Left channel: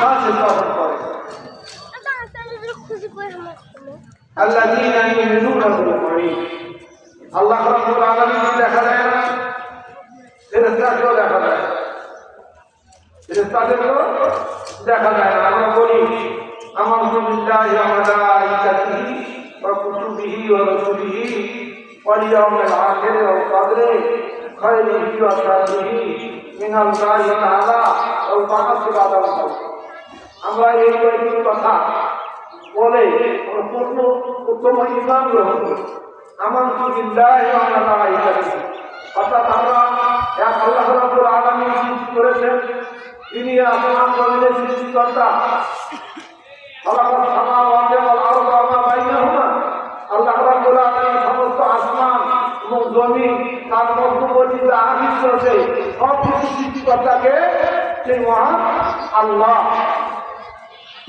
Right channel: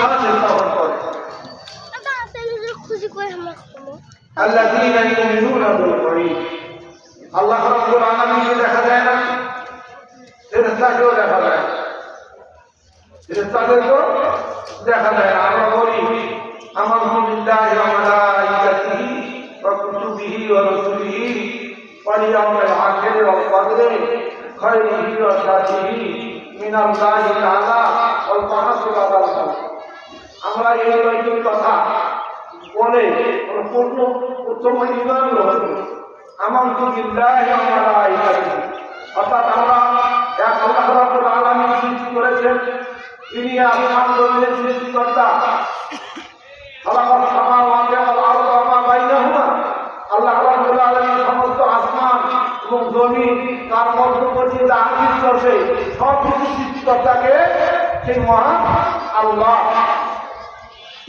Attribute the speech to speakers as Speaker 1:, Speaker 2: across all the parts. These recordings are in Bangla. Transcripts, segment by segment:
Speaker 1: বিশ্বাসের পালন করে। আল্লাহ আল্লাহ রব্বুল আলামিনকে দেখা যায় না? ফেরেশতাকেও দেখা যায়। ফেরেশতাদেরকেও দেখা যায়। আমরা বলি আমার বিল্লাহি ওয়া মালাইকাতিহি ওয়া কুতুবিহি ওয়া রাসূলিহি ওয়াল ইয়াউমিল আখির ওয়াল কদরি খাইরিহি ওয়া শাররিহি মিনাল্লাহি তাআলা ওয়াল বা'থ আমরা এই কয়েকটি কথা বলে পূর্ণ উত্তম ইমান গ্রহণ করি আমার অর্থাৎ আমরা এক আল্লাহ আলামিন সৃষ্টি করেছেন। তিনি আসমান জমিনের সৃষ্টিকর্তা খলাকাল সামাওয়াতি ওয়াল আরদ ওয়া মা বাইনাহুমা। আল্লাহ রাব্বুল সমস্ত আসমান এবং জমিন তার মধ্যবর্তী যা আছে সব কিছু সৃষ্টিকর্তাকে সেই মহান আল্লাহ।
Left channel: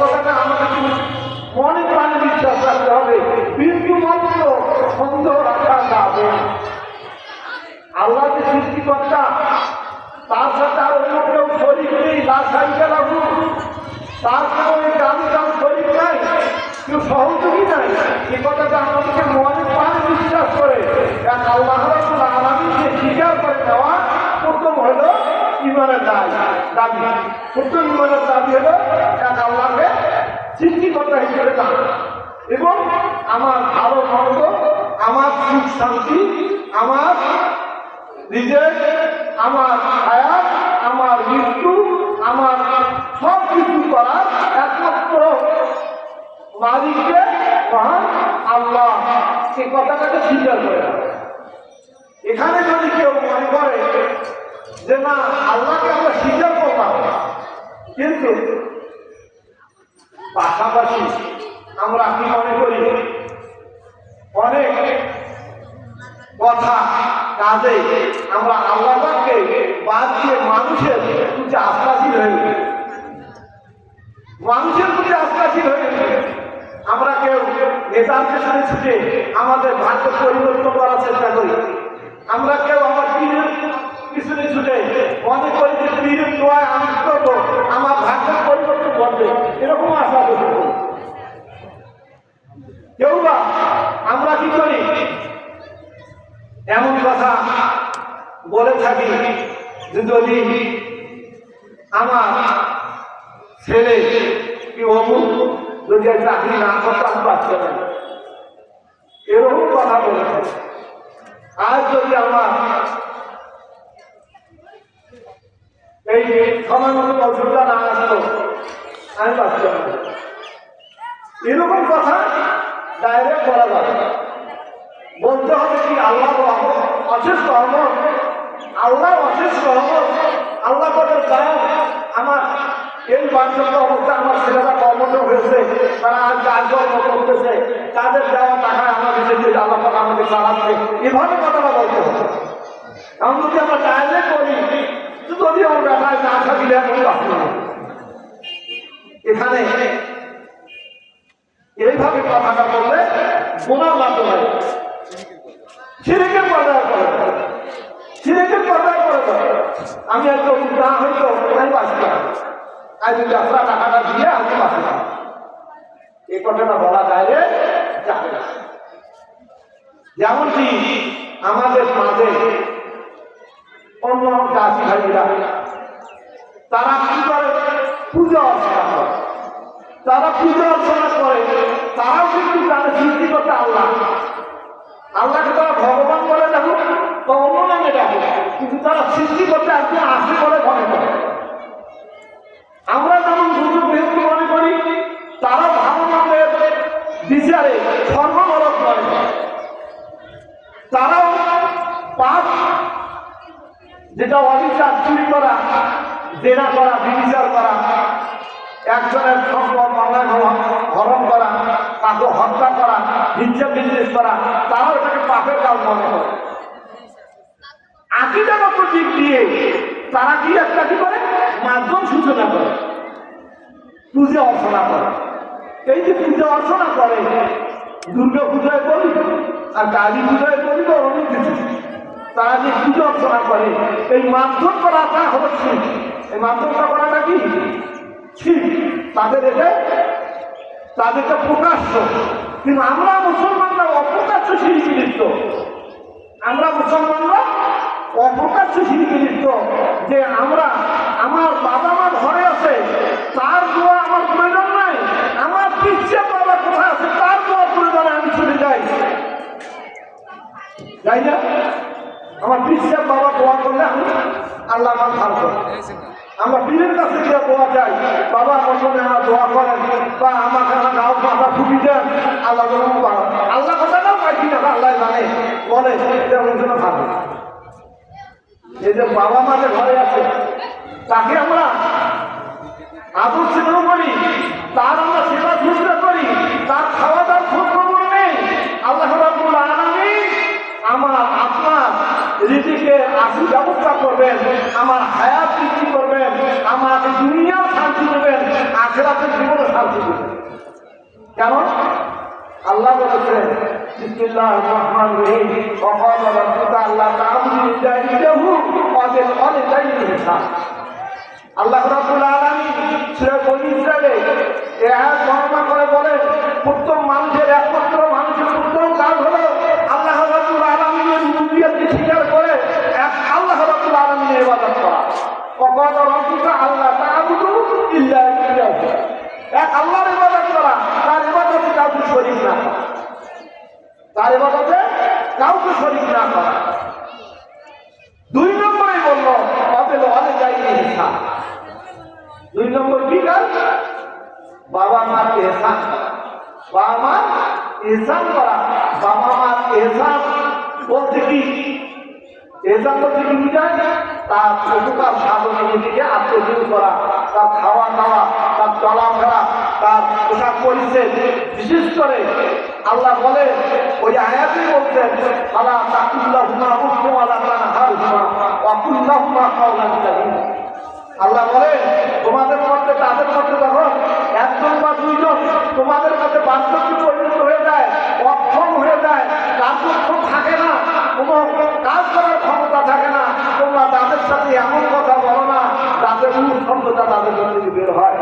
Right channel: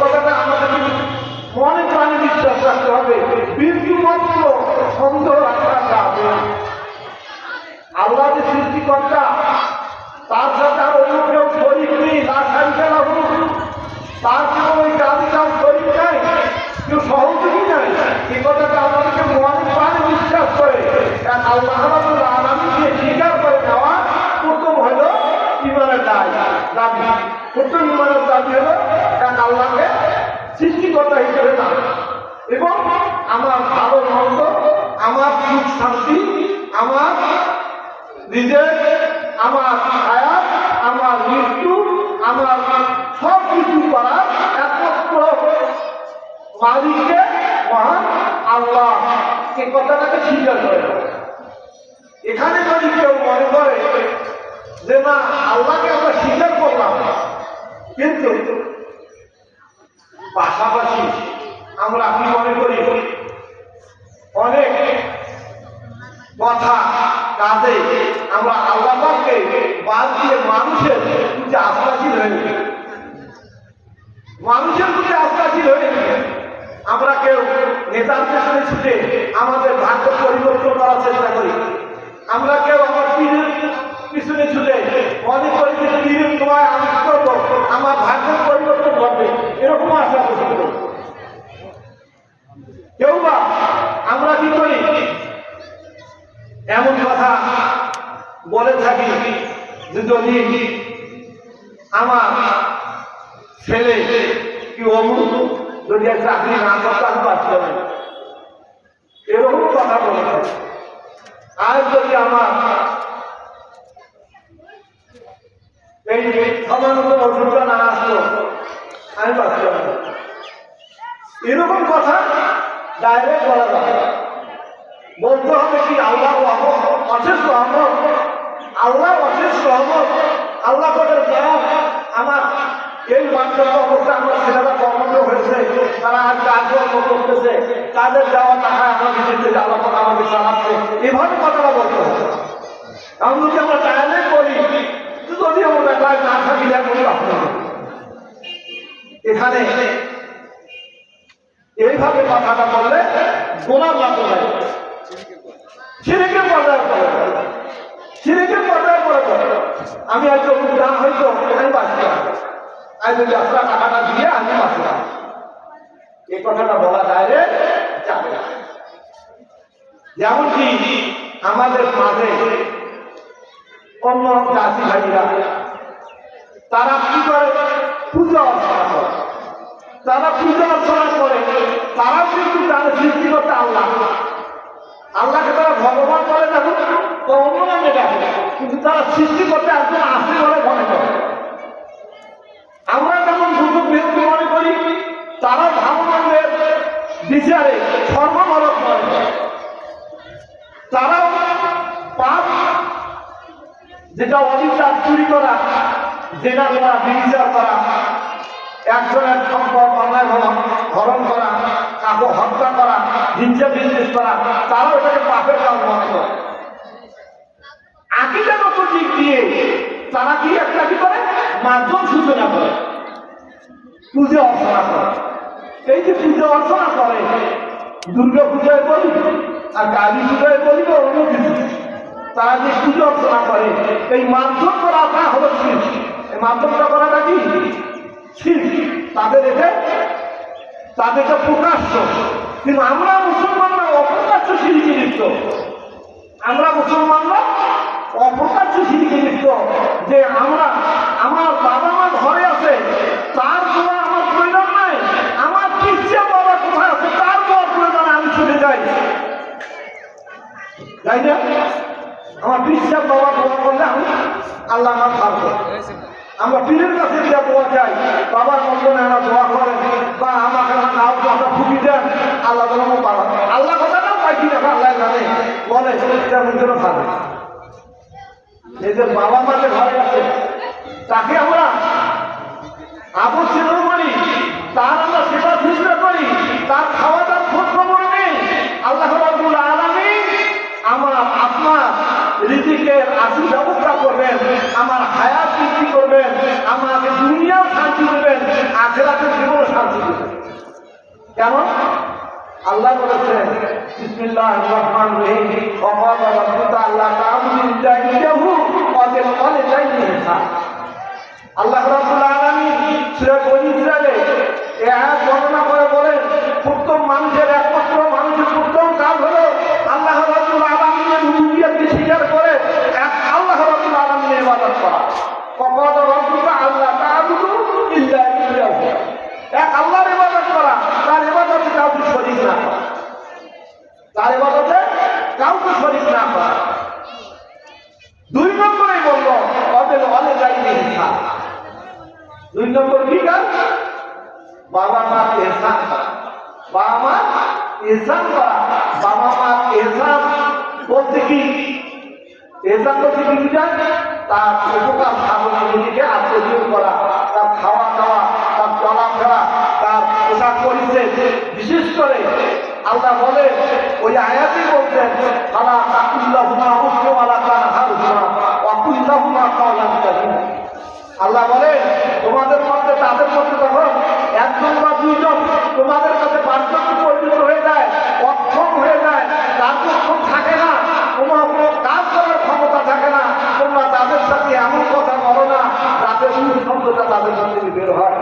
Speaker 1: কথাটা আমাদের মনে প্রাণে বিশ্বাস রাখতে হবে। বিন্দু মাত্র সন্দেহ রাখা যাবে না। আল্লাহ যে সৃষ্টিকর্তা তার সাথে আর অন্য কেউ শরীর নেই তার সাইকে লাগু তার কোনো গ্রামে তার শরীর নাই কেউ সহযোগী নাই এই কথাটা আমাদেরকে মনে প্রাণে বিশ্বাস করে এক আল্লাহ রাবুল আলমীকে স্বীকার করে নেওয়া প্রথম হলো ইমানের দাবি দাবি প্রথম ইমানের দাবি হলো এক আল্লাহকে সৃষ্টিকর্তা হিসেবে না এবং আমার ভালো মন্দ আমার সুখ শান্তি, আমার নিজের, আমার আয়াত, আমার মৃত্যু, আমার সব কিছু করার একমাত্র মালিককে মহান আল্লাহ। সে কথাটাকে স্বীকার করে। এখানে যদি কেউ মনে করে যে না, আল্লাহকে আমরা স্বীকার করলাম কিন্তু পাশাপাশি আমরা কি মনে করি? অনেক কথা কাজে আমরা আল্লাহকে বাদ দিয়ে মানুষের প্রতি আস্থাশীল হয়ে মানুষের প্রতি আস্থাশীল হয়ে আমরা কেউ নেতার পেছনে ছুটে আমাদের ভাগ্য পরিবর্তন করার চেষ্টা করি। আমরা কেউ আমার পীরের পিছনে ছুটে যে পীরের দোয়ায় আমি করব, আমার ভাগ্যের পরিবর্তন ঘটবে। এরকম আশা করতে করি কেউ বা আমরা কি করি এমন কথা বলে থাকি যে যদি আমার ছেলে কি অমুক? যদি চাকরি না করতে আমি পাচ্ছি না এরকম কথা বলে আর যদি আমার এই সময় মতো ওষুধটা না আসলো, আমি না এরকম কথা ডাইরেক্ট বলা যাবে বলতে হবে কি আল্লাহ অশেষ রহমত। আল্লাহ অশেষ রহমত, আল্লাহ বলে দয়া আমার এই বাচ্চার অবস্থা আমার ছেলেরা হয়েছে। তারা আর কাজকর্ম করতেছে। তাদের দেওয়া টাকা আমার কাছে কথাটা আমি যদি আমরা বলি, যদি আমার টাকায় না থাকি এখন এখানে এইভাবে কথাটা বললে গোনা লাগতে পারে সিরেকের পর্দায় আমি একজন না হয়তো আমি বাঁচলাম আমি যদি আপনার টাকাটা দিয়ে আমি বাঁচলাম এই কথাটা বলা যায় রে, যাবে আমাদের মাঝে অন্য জাতি ভাইরা তারা কি করে? পূজা অর্চনা করে। তারা পূজা অর্চনা করে, তারাও কিন্তু তাদের সৃষ্টিকর্তা আল্লাহ। আল্লাহকে তারা ভগবান বলে দেখো, তো অন্য নামে কিন্তু তারা সৃষ্টি করতে একজন আসে বলে মনে করে আমরা যেমন দ্রুত বৃহত্তর মনে করি, তারা ভাবনাদের বিচারে সর্বনরক মনে তারা পাপ, যেটা অবিচার চুরি করা, জেনা করা, বিবিচার করা, একজনের সম্পদ অনায় হরণ করা কাউকে হত্যা করা, হিংসে বিজনেস করা, তারা ওটাকে পাপের কাজ মনে করে। আকিদাগত দিক দিয়ে তারা কি একটা কি করে? মাধ্যম সূচনা করে। পুজো অর্চনা করে। এই যে পুজো অর্চনা করে, দুর্গা পূজায় করি আর কালী পূজায় করি বা অন্য কিছু তারা যে পুজো অর্চনা করে, এই মাধ্যম করাটা হলো এই মাধ্যমটা করাটা কি? শিল্প। তাদের এটা তাদেরটা প্রকাশ্য। কিন্তু আমরা মুসলমানরা অপ্রকাশ্য শিল্পী আমরা মুসলমানরা অপ্রকাশ্য শিল্পী লিপ্ত যে আমরা, আমার বাবা মা ঘরে আছে, তার দোয়া আমার প্রয়োজন নাই, আমার পিছিয়ে বাবা কোথায় আছে, তার দোয়া প্রয়োজন আমি চলে যাই। তাই না? আমার পিছিয়ে বাবা দোয়া করলে আমি আল্লাহ আমার থাকব আমরা পীরের কাছে যা দোয়া চাই, বাবা বন্ধনে আমরা দোয়া করেন, বা আমাকে নাও বাবা খুবই দেন, আল্লাহ আল্লাহ কথা না পাই কিনা আল্লাহ জানে মনে সেটা থাকবে এদের বাবা মাদের ঘরে আছে, তাকে আমরা আবু সেবা করি তার আমরা সেবা শুশ্রূষা করি, তার খাওয়া দাওয়ার খোঁজ খবর নেই। আল্লাহ আলামিন আমার আপনার রীতিকে আসি ব্যবস্থা করবেন, আমার হায়াত বৃদ্ধি করবেন আমাকে দুনিয়াও শান্তি দেবেন, আখেরাতের জীবনও শান্তি দেবেন। কেন? আল্লাহ বলেছেন, বিসমিল্লাহির রহমানির রহিম। ওয়া ক্বালা রাব্বুকা আল্লা তা'বুদু ইল্লা ইয়্যাহু ওয়া বিল ওয়ালিদাইনি ইহসানা আল্লাহ রাব্বুল আলামিন সূরা বনি ইসরাঈলে এই আয়াত উপকার সাধনা নিজেকে আত্মজীব করা তার খাওয়া দাওয়া তার চলাফেরা তার পোশাক পরিচ্ছেদ বিশেষ করে আল্লাহ বলে ওই আয়াতে বলছেন তারা তাকুল্লাহুমা উসমাওয়ালা তার হারুমা ওয়াকুল্লাহুমা কাওলান কারীমা আল্লাহ বলে তোমাদের মধ্যে তাদের মধ্যে যখন একজন বা দুইজন তোমাদের কাছে বার্ধক্য পরিণত হয়ে যায় অক্ষম হয়ে যায় কার্যক্ষম থাকে না তোমার কোনো কাজ করার ক্ষমতা থাকে না তোমরা তাদের সাথে এমন কথা বলো না যাতে উনি শব্দটা তাদের মধ্যে থেকে বের হয়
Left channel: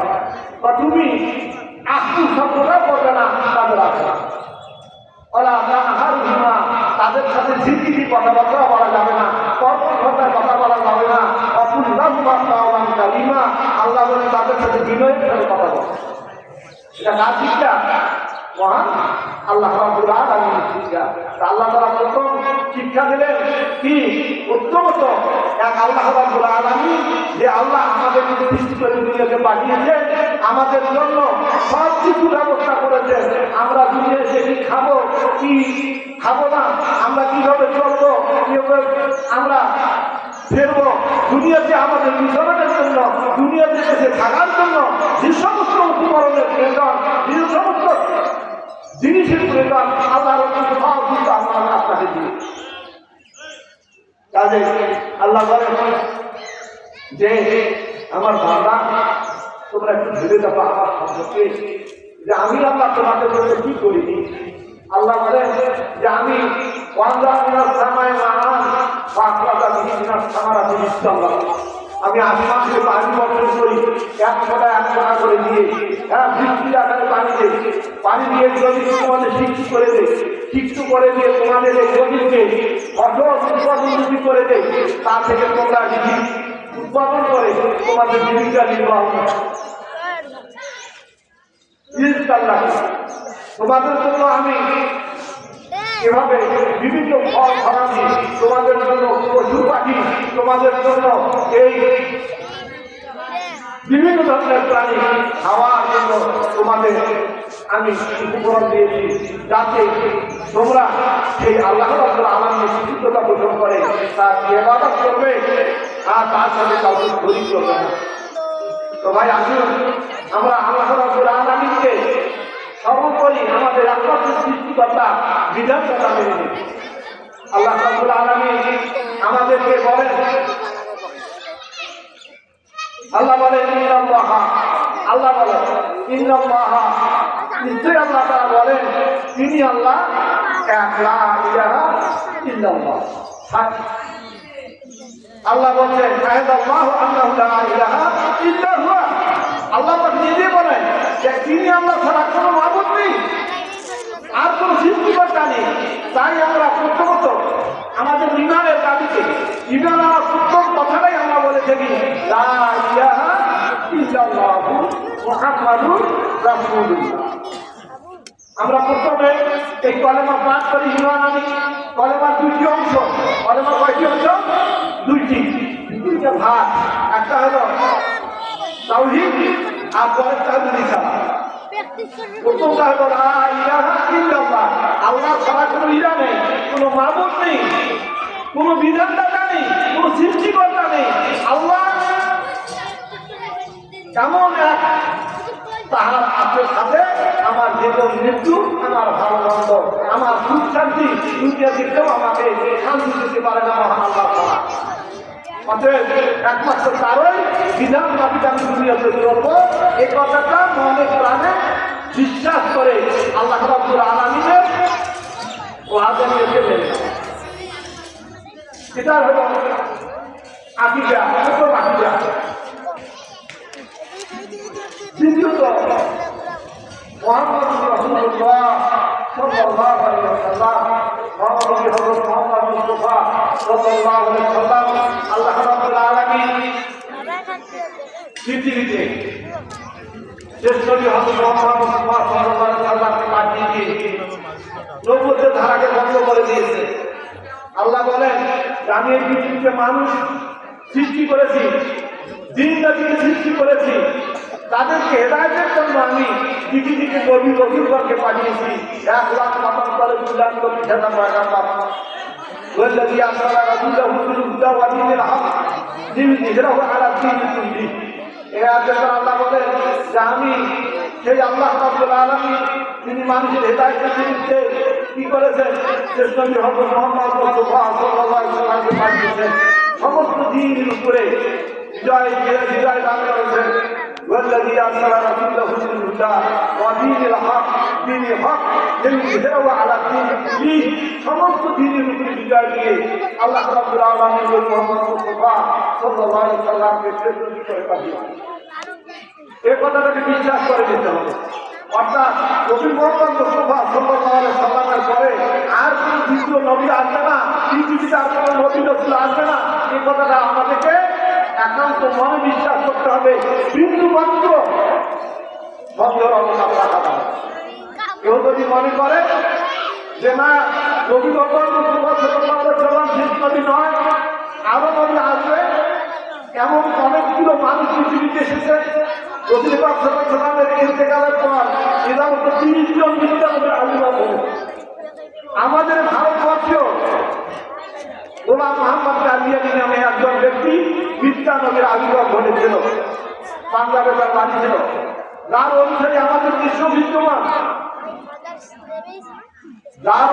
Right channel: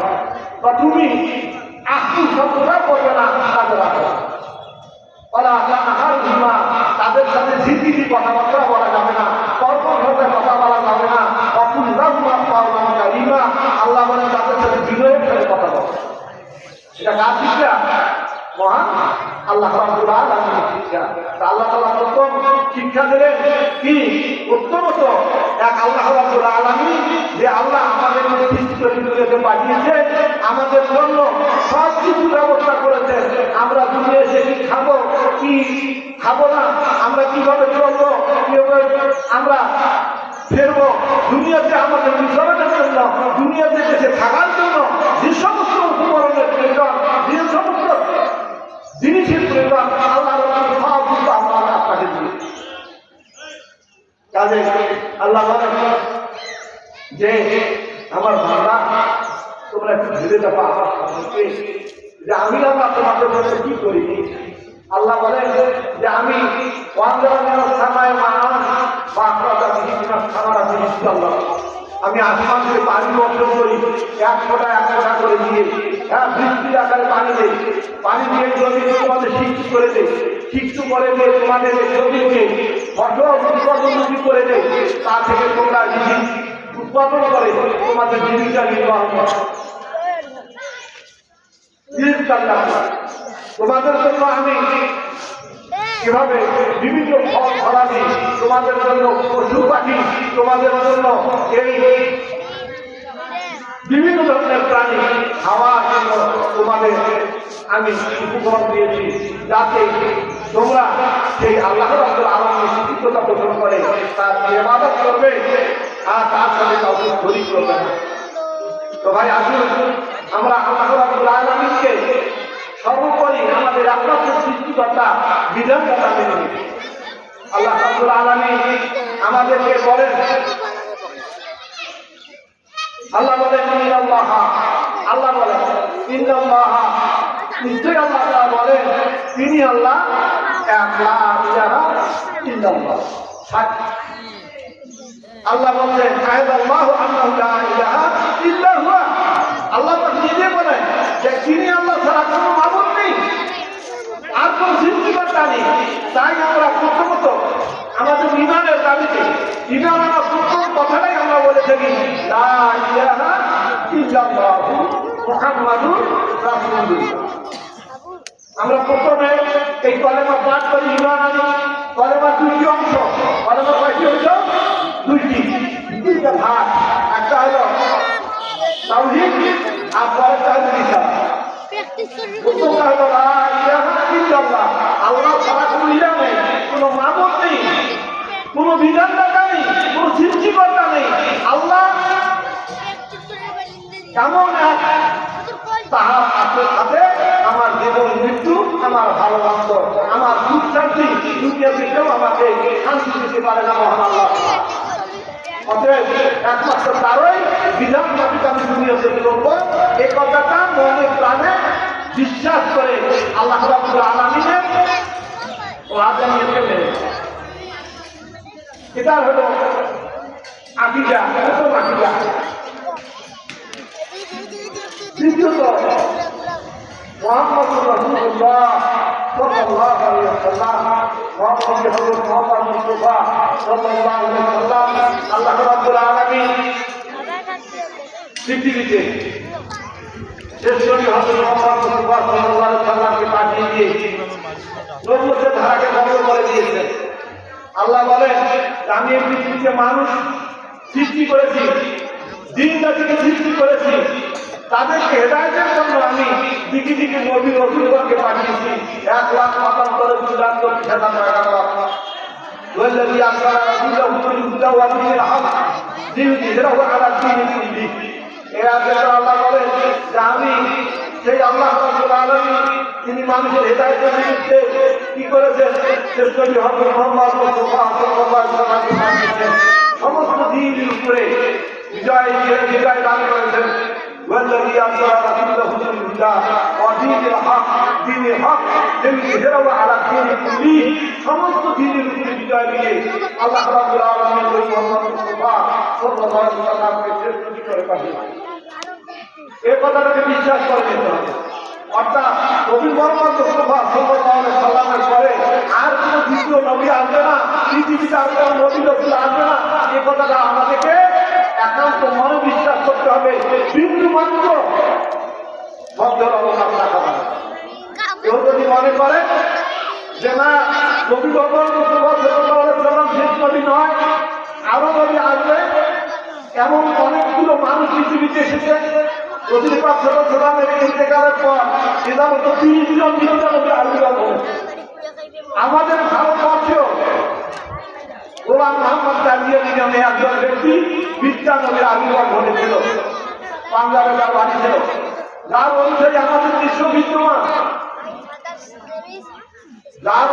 Speaker 1: বা তুমি আপনি শব্দটা করবে না আছে ওরা আহার ঘুমা তাদের সাথে ঝিঝিঝি কথাবার্তা বলা যাবে না তর্ক ঘটা কথা বলা যাবে না অপুরা পাওয়ান কালিমা আল্লাহ বলে তাদের সাথে বিনয়ের সাথে কথা বলে এটা কার শিক্ষা মহান আল্লাহ রাব্বুল আলামিনের শিক্ষা আল্লাহ তাআলা প্রথম শিক্ষা দিলেন কি উত্তমত এক আল্লাহ রাব্বুল আলামিন যে আল্লাহ আমাদের সৃষ্টি করে পাঠিয়েছে আমাদের জন্য সব কিছু ব্যবস্থা করেছে। আমরা দুনিয়া এসে কি খাব কি খাব না? আমরা কীভাবে চলবো, কীভাবে আমরা ফেরবো? দুনিয়াতে আমাদের মিশনের জন্য দুনিয়াতে এসে থাকার জন্য, যে সমস্ত উপকরণের প্রয়োজন যে সমস্ত জিনিসের প্রয়োজন আল্লাহ সব কিছু আমরা আপনাকে দিই কাজে আল্লাহ বলেন যে তোমরা আমি আল্লাহ তোমাদের জন্য কি করিনি আল্লাহ বলেন যে আমি আমি আসমান পানি বর্ষণ করি, এক ফোটা এক ফোটা করে দিয়ে হ্যাঁ বৃষ্টির আকারে পানি দিই পানি দিয়ে যদি তোমাদের শিক্ষু করে দেয় শিক্ষু করে দিয়ে তোমাদের জমিকে কঠোর উন্নতি করে দেয় তা থেকে তোমরা উৎপাদন করে, তোমাদের জীবিকা নির্বাহ করো। তোমাদের জন্য আমি এভাবে বিভিন্ন ফল ফলাদি তোমাদের জন্য পশু পাখি তোমাদের জন্য এই বিভিন্ন ধরনের প্রাণী খাওয়ার জন্য তোমাদের আমি উপকরণ দিয়েছি যাতে তোমরা সেই আল্লাহ আমার শিক্ষিততা পোষণ করে তার ইবাদত করবে আর তার সাথে কাউকে শরীর না তো ভাই আসুন আমরা আল্লাহ আলামিনকে সর্বোপরি আমাদের একমাত্র সৃষ্টিকর্তা, বিধানকর্তা মেনে নিই আল্লাহ রাব্বুল আলামিন আমাদেরকে বলেন, আল্লাহ বলেন, ইন্নাল্লাহ, আল্লাহ বলেন, ইন্নাল্লাহ, নিশ্চয়ই আল্লাহ তাআলা বলেন, তিনি আল্লাহ এক, লা ইলাহা ইল্লাল্লাহ। আল্লাহ বলছেন আল্লাহ নিজে বলেন যে তিনি আল্লাহ ছাড়া কোনো মাবুদ নেই। আর কোনো সৃষ্টিকর্তা নেই। তাই আমরা প্রথমত আমাদের ইমানের দাবিতে, ইমান আমরা প্রথম কথাটাই আমরা বলে থাকি আমরা প্রথমে এই কলেমা পাঠ করি ইমান কলেমা দুইটি অংশ কলেমা কয়টি অংশ? দুইটি। দুইটা ভাগ। একটা হলো তাওহীদ ইলাহা ইল্লাল্লাহ। আল্লাহ ছাড়া কোনো নেই, কোনো মাবুদ নেই, কোনো বিধানদাতা নেই, কোনো সৃষ্টিকর্তা নেই। আল্লাহ এমন এক তাহার আপনার সাথে আমার জীবন, মৃত্যু, আমার ভালোবাসা, আমার সুখ শান্তি দুনিয়া দিকেও আমাকে শান্তি দিতে পারে না, মহান আল্লাহ। অতএব একমাত্র তারই বিধান আমি দুনিয়াতে চলবো এই কথাটা মনে প্রাণে বিশ্বাস করে আল্লাহ রাব্বুল আলামিনের ও আজানিয়ে ফেললেন এটা হলো আকিদা, প্রথম আকিদা। দ্বিতীয়ত, মোহাম্মদ রসুল্লাহ সাল্লাল্লাহু আলাইহি ওয়াসাল্লাম, মোহাম্মদ মুস্তাফা সাল্লাল্লাহু আলাইহি ওয়াসাল্লাম আল্লাহ রাব্বুল আলামিন পৃথিবীতে শেষ নবী হযরত মোহাম্মদ মুস্তাফা সাল্লাল্লাহু আলাইহি ওয়াসাল্লামকে পাঠিয়ে দিয়ে নবুয়তের ধারাকে বন্ধ করে দিয়েছে আল্লাহ বলেন যে আমি এই পৃথিবীতে মানুষ সৃষ্টি করেছি দিন রাতিকে সৃষ্টি করেছি তাদেরকে হেদায়তের জন্য আমি দিকে দিকে নবী রসুলগণকে পাঠিয়েছি এক লাখ মাতাম করে দু লাখ কোটি হাজার টাকা পাবো والذي أرسل رسوله بالهدى ودين الحق ليظهره على الدين كله এ আয়াতে আল্লাহ বলেন যে আমি সেই আল্লাহ রাব্বুল আলামিন তিনি মানুষের হেদায়েতের নিমিত্তে কি করেছেন শেষ নবী হযরত মুহাম্মদ মুস্তাফা সাল্লাল্লাহু আলাইহি ওয়াসাল্লামকে পাঠিয়েছেন সমস্ত দিনের উপরে বিজয় দিয়ে বিজয় দান করেছেন والذي أرسل رسوله بالهدى ودين الحق دين الحق ليظهره على الدين كله সমস্ত দিনের উপরে বিজয় দিয়ে আল্লাহ রাব্বুল আলামিন ওই মুহাম্মদ মুস্তাফা সাল্লাল্লাহু আলাইহি ওয়াসাল্লামকে শেষ নবী করে পাঠিয়েছেন এই কথাটাকে বিশ্বাস করে যেতে হবে। অর্থাৎ নবী মোহাম্মদ মুস্তাফা আলাইহি সাল্লামের পরে আর কোনো দ্বিতীয় নবী আসবে না, পৃথিবীতে আর কোনো নবী রসুল আসবে না। এই কথাটা আমাদেরকে একান্ত মনে বিশ্বাস করতে হবে। বিন্দু মাত্র সন্দেহ অবকাশ রাখা কেউ যদি মনে করে যে না নবী মোহাম্মদ মুস্তাফা আলাইহি সাল্লাম শেষ নবী নয়, আরও নবী আসবে। এমন অনেকগুলো মানুষ পৃথিবীতে এসেছে। প্রতিপাদ সালামের ইন্তেকালের পর এদের তিরিশ জন বিদ্যালয়ে আবির্ভাব আমাদের ভারতবর্ষেও গোলাম মোহাম্মদ কাদিয়ানি নামে একজন ব্যক্তি আমাদের বিশ্ব বিদ্যমান। যার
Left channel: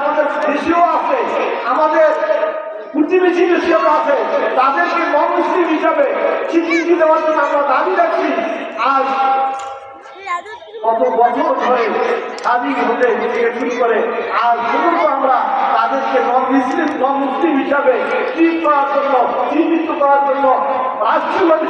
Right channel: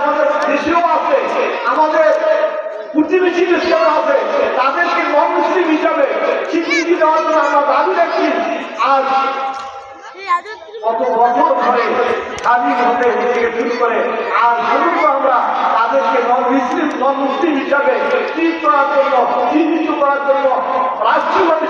Speaker 1: আমাদের দেশেও আছে, আমাদের প্রতিবেশী দেশেও আছে, তাদেরকে মুসলিম হিসাবে স্বীকৃতি দেওয়ার জন্য আমরা দাবি রাখছি আর কত বছর ধরে স্বাধীন হতে থেকে শুরু করে আর পর্যন্ত আমরা তাদেরকে নন মুসলিম নন মুসলিম হিসাবে ট্রিট করার জন্য, চিহ্নিত করার জন্য রাষ্ট্রীয়ভাবে